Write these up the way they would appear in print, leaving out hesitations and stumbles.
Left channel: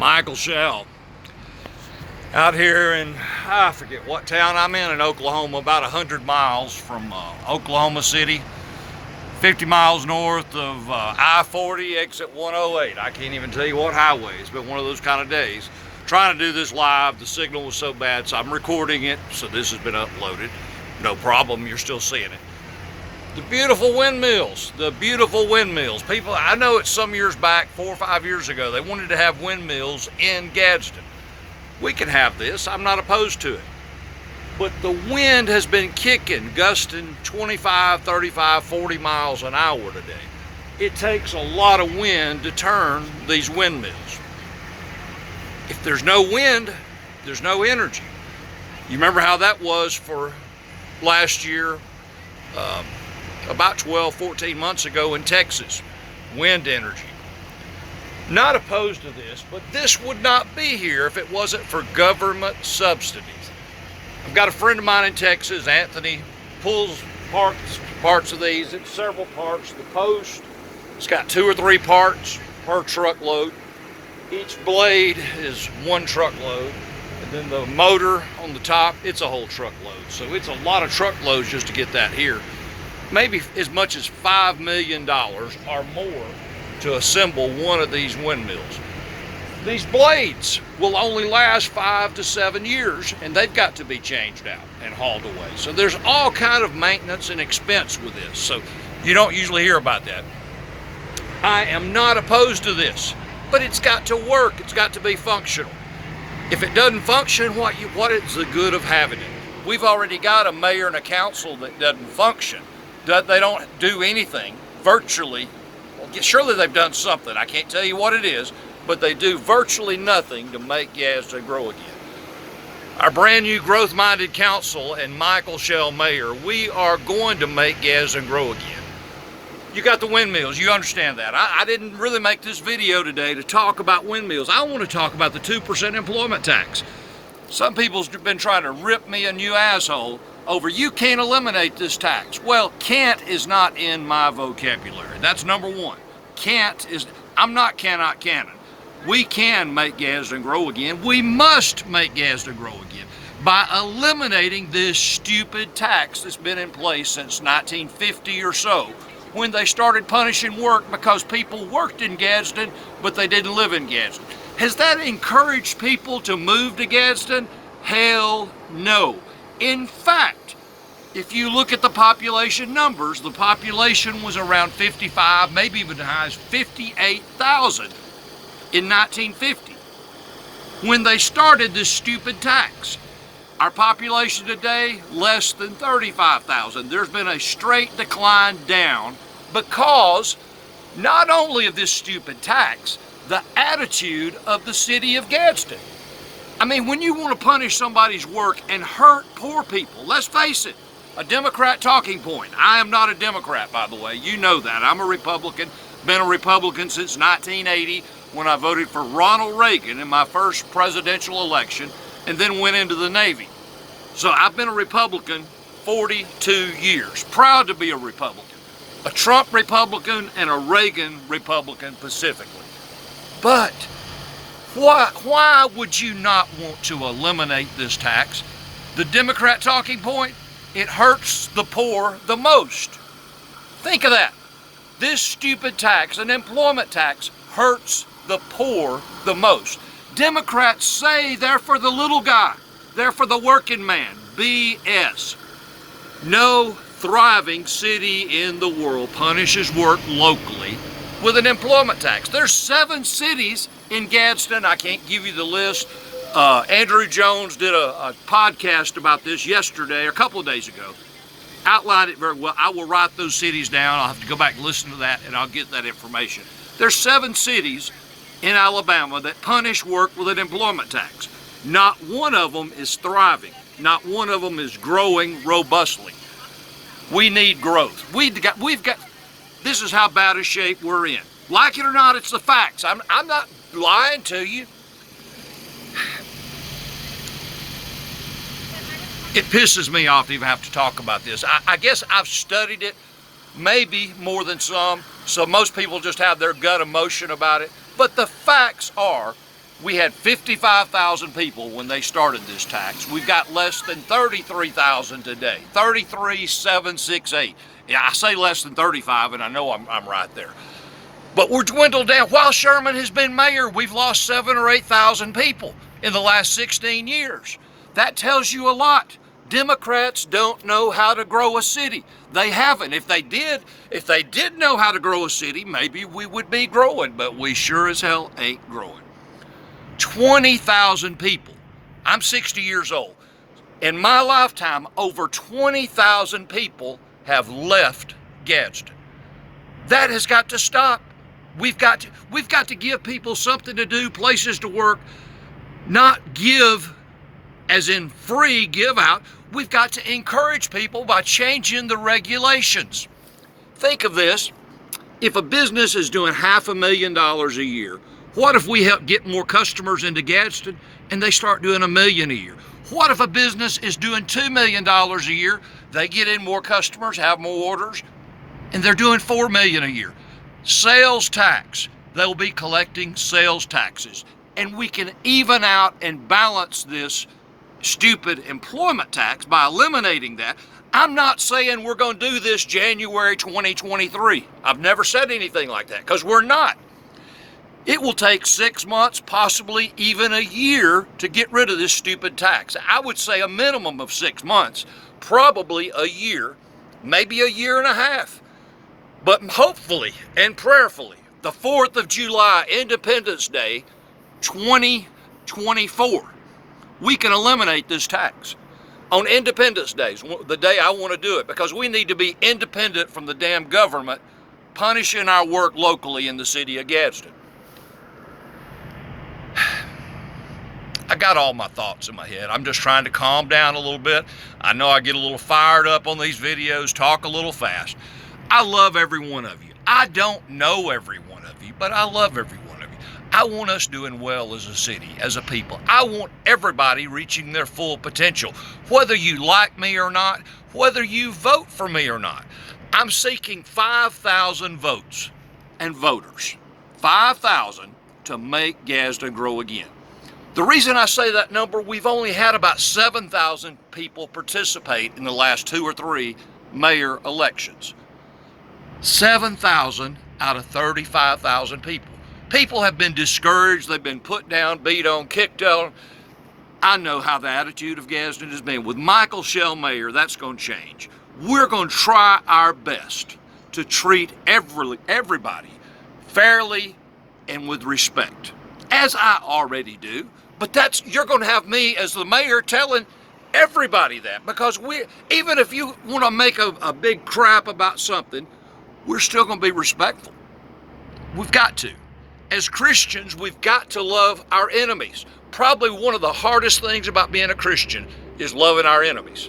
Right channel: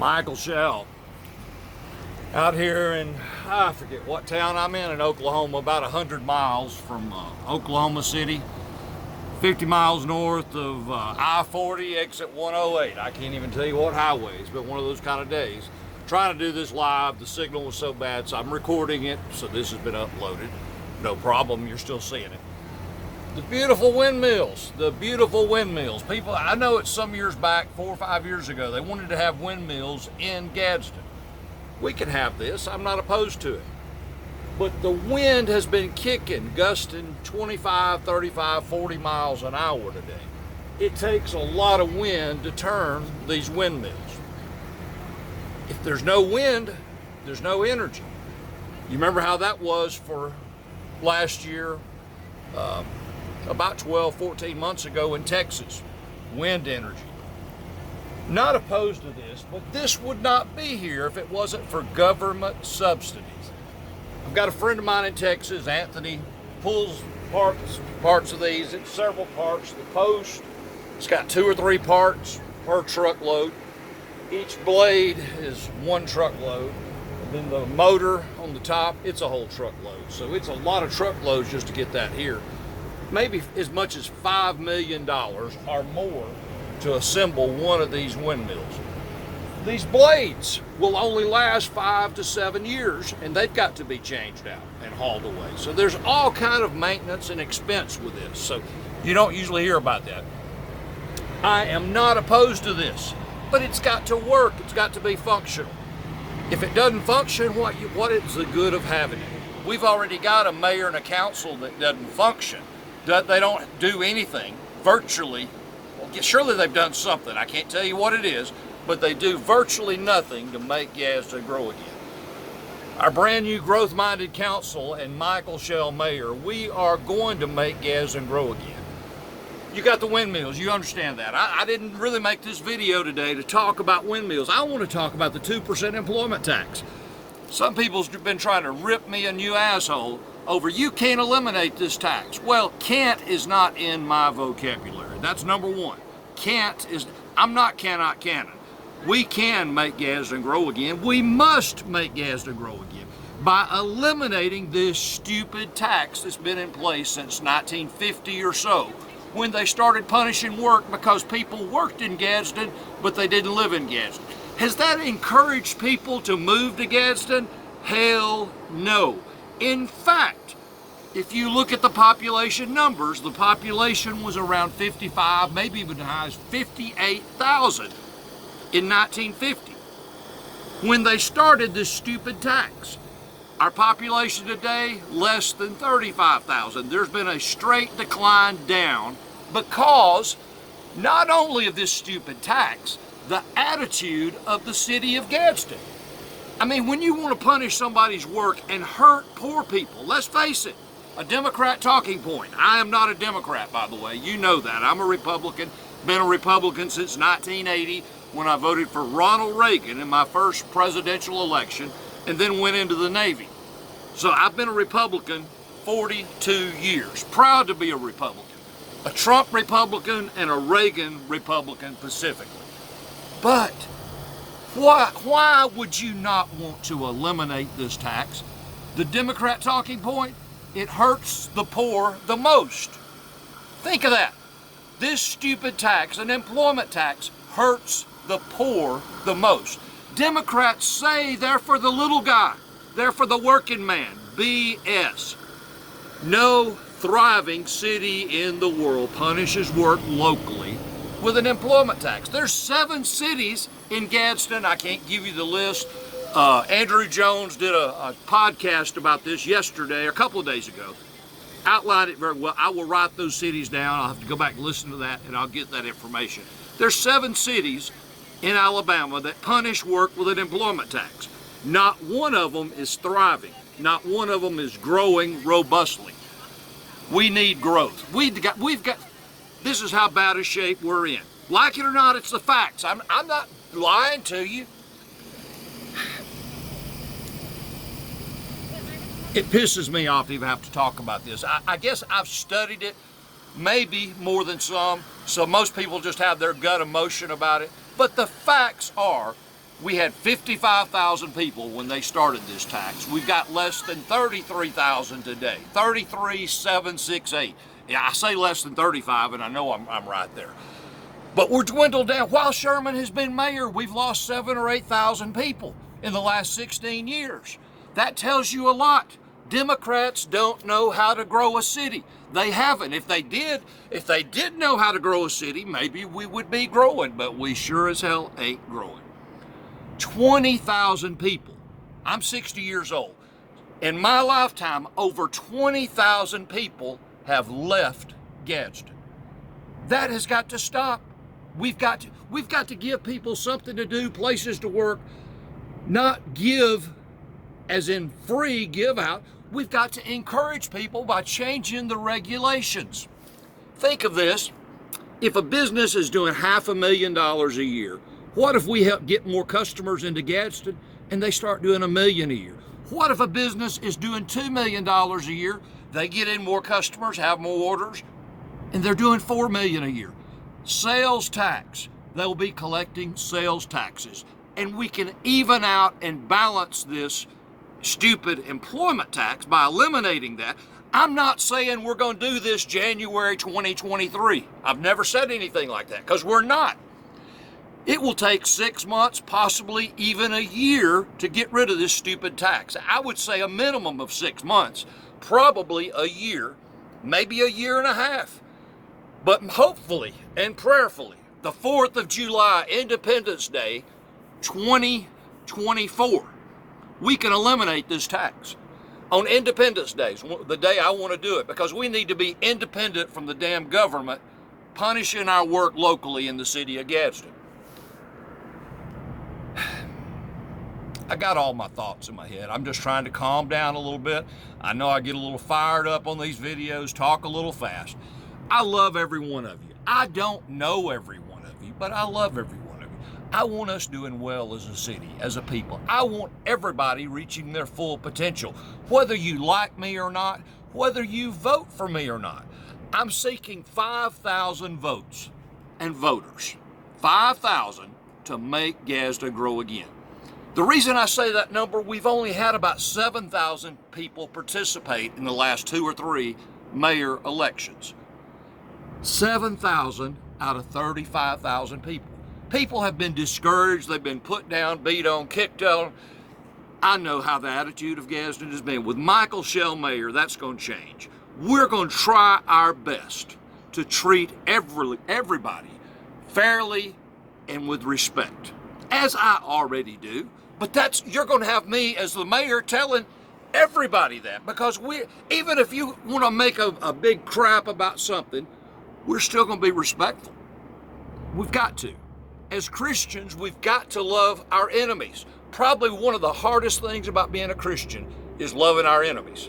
Michael Shell. Out here in, I forget what town I'm in Oklahoma, about 100 miles from Oklahoma City, 50 miles north of I-40, exit 108. I can't even tell you what highway. It's been one of those kind of days. Trying to do this live, the signal was so bad, so I'm recording it, so this has been uploaded. No problem, you're still seeing it. The beautiful windmills, People, I know it's some years back, 4 or 5 years ago, they wanted to have windmills in Gadsden. We can have this, I'm not opposed to it. But the wind has been kicking, gusting 25, 35, 40 miles an hour today. It takes a lot of wind to turn these windmills. If there's no wind, there's no energy. You remember how that was for last year, about 12, 14 months ago in Texas, wind energy. Not opposed to this, but this would not be here if it wasn't for government subsidies. I've got a friend of mine in Texas, Anthony, pulls parts of these. It's several parts. The post, it's got 2 or 3 parts per truckload. Each blade is 1 truckload. And then the motor on the top, it's a whole truckload. So it's a lot of truckloads just to get that here. Maybe as much as $5 million or more to assemble one of these windmills. These blades will only last 5 to 7 years, and they've got to be changed out and hauled away. So there's all kind of maintenance and expense with this. So you don't usually hear about that. I am not opposed to this, but it's got to work. It's got to be functional. If it doesn't function, what is the good of having it? We've already got a mayor and a council that doesn't function. They don't do anything virtually. Well, surely they've done something. I can't tell you what it is, but they do virtually nothing to make Gadsden grow again. Our brand new growth-minded council and Michael Shell Mayor, we are going to make Gadsden grow again. You got the windmills, you understand that. I didn't really make this video today to talk about windmills. I want to talk about the 2% employment tax. Some people's been trying to rip me a new asshole over you can't eliminate this tax. Well, can't is not in my vocabulary. That's number one. Can't is, I'm not cannot canon. We can make Gadsden grow again. We must make Gadsden grow again by eliminating this stupid tax that's been in place since 1950 or so, when they started punishing work because people worked in Gadsden, but they didn't live in Gadsden. Has that encouraged people to move to Gadsden? Hell no. In fact, if you look at the population numbers, the population was around 55, maybe even as high as 58,000 in 1950, when they started this stupid tax. Our population today, less than 35,000. There's been a straight decline down because not only of this stupid tax, the attitude of the city of Gadsden. I mean, when you want to punish somebody's work and hurt poor people, let's face it, a Democrat talking point. I am not a Democrat, by the way. You know that. I'm a Republican, been a Republican since 1980 when I voted for Ronald Reagan in my first presidential election and then went into the Navy. So I've been a Republican 42 years. Proud to be a Republican. A Trump Republican and a Reagan Republican specifically. But why would you not want to eliminate this tax? The Democrat talking point, it hurts the poor the most. Think of that. This stupid tax, an employment tax, hurts the poor the most. Democrats say they're for the little guy. They're for the working man. BS. No thriving city in the world punishes work locally with an employment tax. There's 7 cities in Gadsden. I can't give you the list. Andrew Jones did a podcast about this yesterday, or a couple of days ago. Outlined it very well. I will write those cities down. I'll have to go back and listen to that, and I'll get that information. There's 7 cities in Alabama that punish work with an employment tax. Not one of them is thriving. Not one of them is growing robustly. We need growth. We've got. This is how bad a shape we're in. Like it or not, it's the facts. I'm not lying to you. It pisses me off to even have to talk about this. I guess I've studied it maybe more than some, so most people just have their gut emotion about it. But the facts are We had 55,000 people when they started this tax. We've got less than 33,000 today, 33,768. Yeah, I say less than 35, and I know I'm right there. But we're dwindled down. While Sherman has been mayor, we've lost 7,000 or 8,000 people in the last 16 years. That tells you a lot. Democrats don't know how to grow a city. They haven't. If they did know how to grow a city, maybe we would be growing, but we sure as hell ain't growing. 20,000 people. I'm 60 years old. In my lifetime, over 20,000 people have left Gadsden. That has got to stop. We've got to give people something to do, places to work, not give as in free give out. We've got to encourage people by changing the regulations. Think of this. If a business is doing $500,000 a year, what if we help get more customers into Gadsden and they start doing $1 million a year? What if a business is doing $2 million a year, they get in more customers, have more orders, and they're doing $4 million a year? Sales tax, they'll be collecting sales taxes. And we can even out and balance this stupid employment tax by eliminating that. I'm not saying we're going to do this January 2023. I've never said anything like that, because we're not. It will take 6 months, possibly even a year, to get rid of this stupid tax. I would say a minimum of 6 months, probably a year, maybe a year and a half. But hopefully and prayerfully, the 4th of July, Independence Day, 2024, we can eliminate this tax. On Independence Day, the day I want to do it, because we need to be independent from the damn government punishing our work locally in the city of Gadsden. I got all my thoughts in my head. I'm just trying to calm down a little bit. I know I get a little fired up on these videos, talk a little fast. I love every one of you. I don't know every one of you, but I love every one of you. I want us doing well as a city, as a people. I want everybody reaching their full potential, whether you like me or not, whether you vote for me or not. I'm seeking 5,000 votes and voters, 5,000 to make Gadsden grow again. The reason I say that number, we've only had about 7,000 people participate in the last 2 or 3 mayor elections. 7,000 out of 35,000 people. People have been discouraged, they've been put down, beat on, kicked on. I know how the attitude of Gadsden has been. With Michael Shell mayor, that's going to change. We're going to try our best to treat everybody fairly and with respect, as I already do. But you're going to have me as the mayor telling everybody that, because even if you want to make a big crap about something, we're still going to be respectful. We've got to. As Christians, we've got to love our enemies. Probably one of the hardest things about being a Christian is loving our enemies.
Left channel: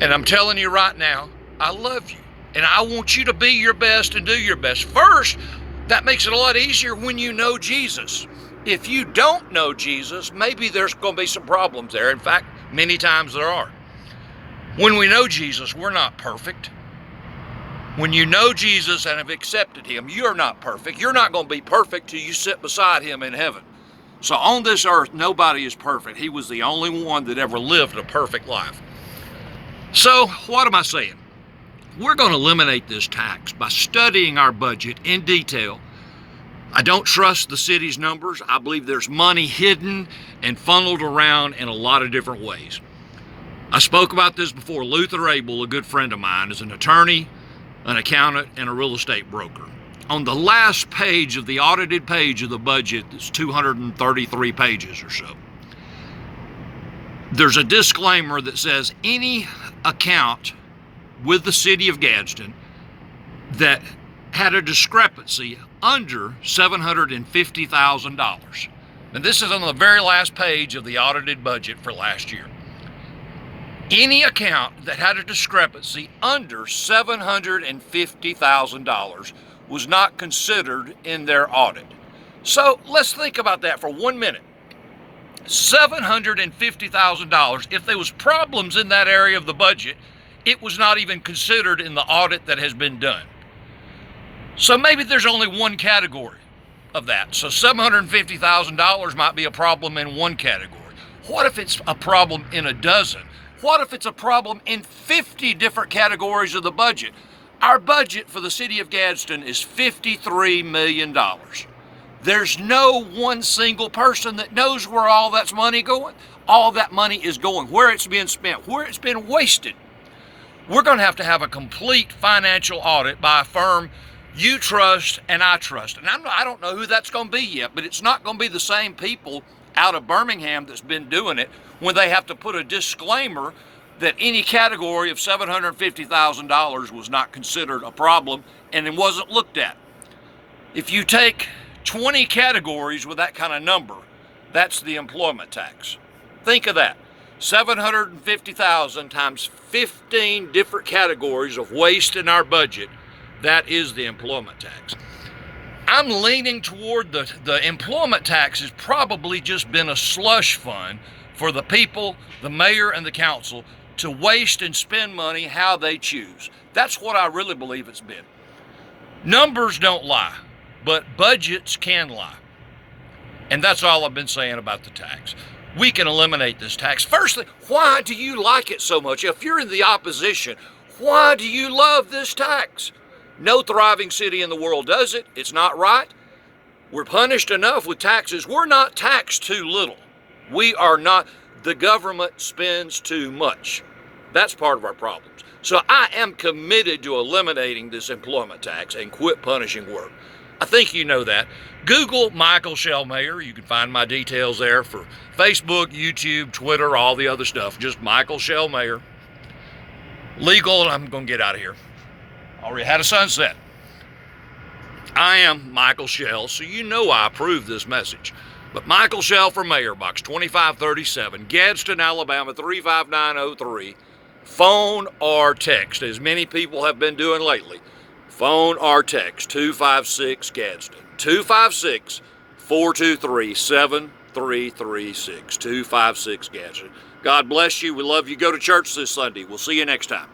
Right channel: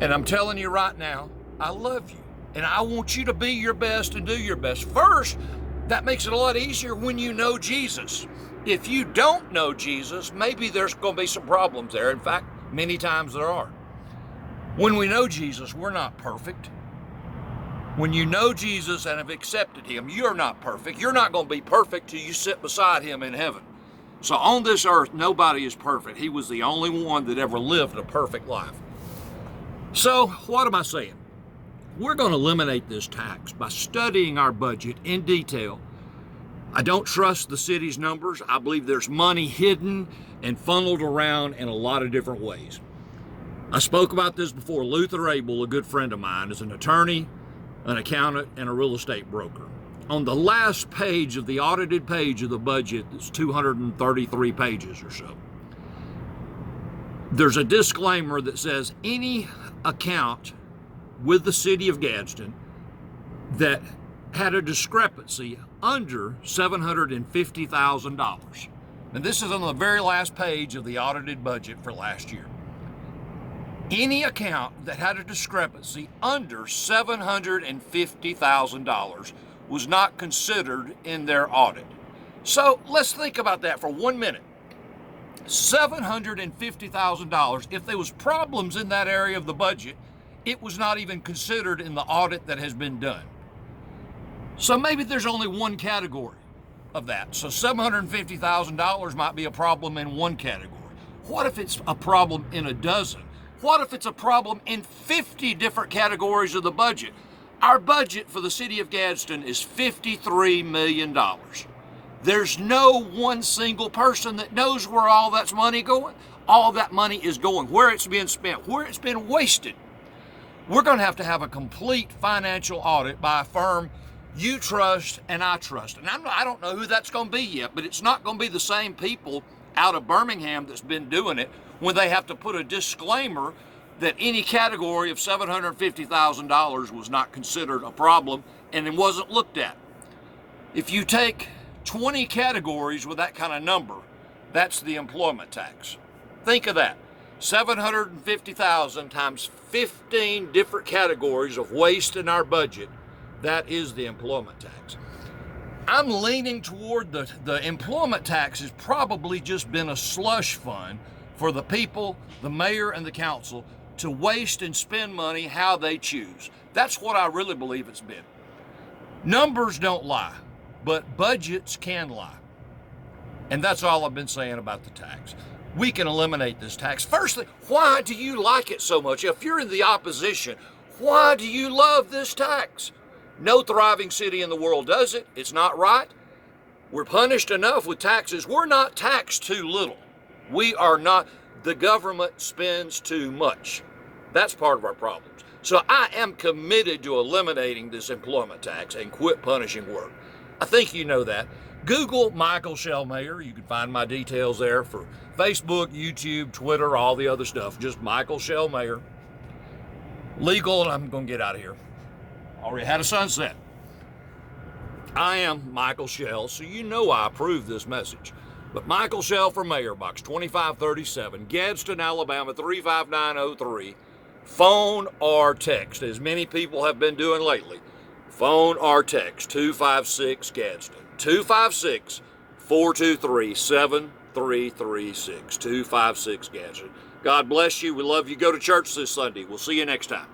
And I'm telling you right now, I love you. And I want you to be your best and do your best. First, that makes it a lot easier when you know Jesus. If you don't know Jesus, maybe there's going to be some problems there. In fact, many times there are. When we know Jesus, we're not perfect. When you know Jesus and have accepted him, you're not perfect. You're not going to be perfect till you sit beside him in heaven. So on this earth, nobody is perfect. He was the only one that ever lived a perfect life. So what am I saying? We're going to eliminate this tax by studying our budget in detail. I don't trust the city's numbers. I believe there's money hidden and funneled around in a lot of different ways. I spoke about this before. Luther Abel, a good friend of mine, is an attorney, an accountant, and a real estate broker. On the last page of the audited page of the budget, that's 233 pages or so, there's a disclaimer that says any account with the city of Gadsden that had a discrepancy under $750,000. And this is on the very last page of the audited budget for last year. Any account that had a discrepancy under $750,000 was not considered in their audit. So let's think about that for 1 minute. $750,000, if there was problems in that area of the budget, it was not even considered in the audit that has been done. So maybe there's only one category of that. So $750,000 might be a problem in one category. What if it's a problem in a dozen? What if it's a problem in 50 different categories of the budget? Our budget for the city of Gadsden is $53 million. There's no one single person that knows where all that money going. All that money is going, where it's being spent, where it's been wasted. We're going to have a complete financial audit by a firm you trust and I trust. And I don't know who that's going to be yet, but it's not going to be the same people out of Birmingham that's been doing it when they have to put a disclaimer that any category of $750,000 was not considered a problem and it wasn't looked at. If you take 20 categories with that kind of number, that's the employment tax. Think of that. 750,000 times 15 different categories of waste in our budget. That is the employment tax. I'm leaning toward the employment tax has probably just been a slush fund for the people, the mayor and the council to waste and spend money how they choose. That's what I really believe it's been. Numbers don't lie, but budgets can lie. And that's all I've been saying about the tax. We can eliminate this tax. Firstly, why do you like it so much? If you're in the opposition, why do you love this tax? No thriving city in the world does it. It's not right. We're punished enough with taxes. We're not taxed too little. We are not. The government spends too much. That's part of our problems. So I am committed to eliminating this employment tax and quit punishing work. I think you know that. Google Michael Shell Mayor. You can find my details there for Facebook, YouTube, Twitter, all the other stuff. Just Michael Shell Mayor. Legal, and I'm going to get out of here. Already had a sunset. I am Michael Shell, so you know I approve this message. But Michael Shell for Mayor, Box 2537, Gadsden, Alabama 35903. Phone or text, as many people have been doing lately. Phone or text, 256 Gadsden. 256-423-7336. 256 Gadsden. God bless you. We love you. Go to church this Sunday. We'll see you next time.